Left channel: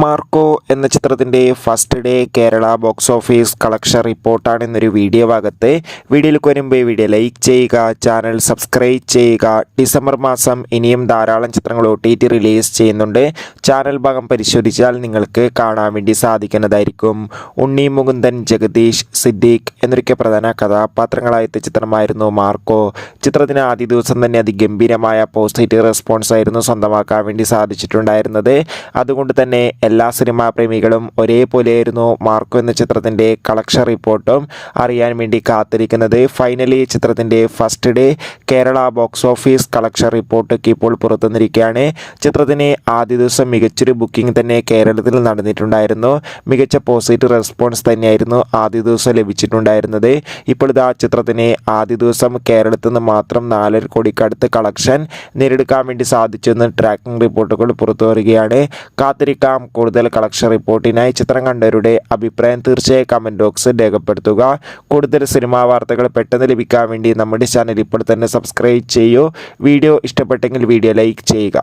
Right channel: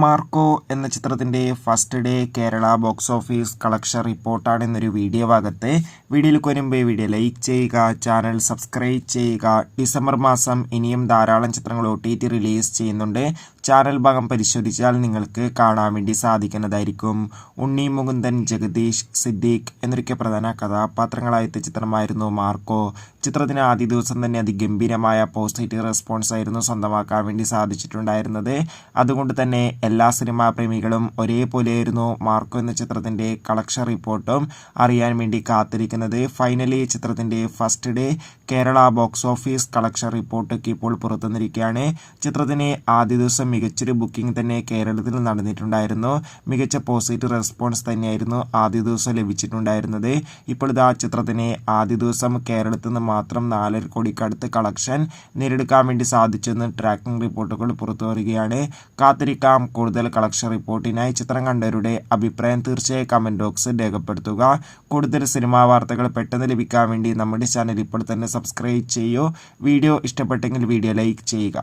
Marco എന്ന ചിത്രത്തിൻ്റെ first day Kerala box office collection റിപ്പോർട്ടാണ് ഇന്നൊരു വീഡിയോ ഭാഗത്ത്. വീഡിയോയിലേക്ക് വരുമ്പോൾ വീഡിയോ ലൈക്ക് ചെയ്യുക, ചാനൽ സബ്സ്ക്രൈബ് ചെയ്യുക. ഡിസംബർ മാസം ഇനിയും ധാരാളം ചിത്രങ്ങൾ OTT റിലീസ് ചെയ്യുന്നുണ്ട്. ചാനൽ ഭാഗം പരിശോധിച്ചാൽ നിങ്ങൾക്ക് കാണാൻ വേണ്ടി സാധിക്കുന്നതായിരിക്കും. ഉണ്ണി മുകുന്ദൻ, ജഗദീഷ്, സിദ്ദീഖ് എന്നൊക്കെ പ്രധാന കഥാപാത്രങ്ങളായ ചിത്രമായിരുന്നു മാർക്കോ. ചിത്രത്തിന് ആദ്യ ദിവസം തന്നെ അതിഗംഭീരമായ പോസിറ്റീവ് റെസ്പോൺസ് ആയിരുന്നു സ്വന്തമാക്കാൻ വേണ്ടി സാധിച്ചിട്ടുണ്ടായിരുന്നത്. അതുകൊണ്ട് തന്നെ എല്ലാ സിനിമാ പ്രേമികളും ഒരേപോലെയായിരുന്നു മാർക്കോ എന്ന ചിത്രത്തിൻ്റെ കളക്ഷൻ റിപ്പോർട്ടും അറിയാൻ വേണ്ടി കാത്തിരിക്കുന്നത്. ഫൈനലി ചിത്രത്തിൻ്റെ first day Kerala box office collection റിപ്പോർട്ടൊക്കെ ഇപ്പോൾ പുറത്തുവന്നിരിക്കുകയാണ്. ചിത്രത്തിന് ആദ്യ ദിവസം മികച്ചൊരു ബുക്കിംഗ് തന്നെ കേരളത്തിൽ നടന്നിട്ടുണ്ടായിരുന്നു. മികച്ച പോസിറ്റീവ് റെസ്പോൺസ് തന്നെയായിരുന്നു ആദ്യ ദിവസം ലഭിച്ചിട്ടുണ്ടായിരുന്നത്. ഇപ്പോൾ ഇതാ ചിത്രത്തിന് ആദ്യ ദിവസം കേരളത്തിൽ നിന്ന് മാത്രം 4.5 കോടിക്കടുത്ത് കളക്ഷൻ നേടിയെടുക്കാൻ വേണ്ടി സാധിച്ചെന്ന് ട്രാക്കിംഗ് റിപ്പോർട്ടുകൾ പുറത്തു വരികയാണ്. കാത്തിരിക്കാം കൂടുതൽ കളക്ഷൻ റിപ്പോർട്ടിനായി. ചിത്രം കണ്ടവരുടെ അഭിപ്രായം തീർച്ചയായും കമൻറ്റ് ബോക്സിൽ രേഖപ്പെടുത്തുക. കൂടുതൽ സിനിമാ വാർത്തകൾ പെട്ടെന്ന് ലഭിക്കാൻ വേണ്ടി നമ്മുടെ ചാനൽ ഇപ്പോൾ തന്നെ സബ്സ്ക്രൈബ് ചെയ്യൂ. വീഡിയോ ഇഷ്ടപ്പെട്ടെങ്കിൽ വീഡിയോ ലൈക്ക് ചെയ്യുക.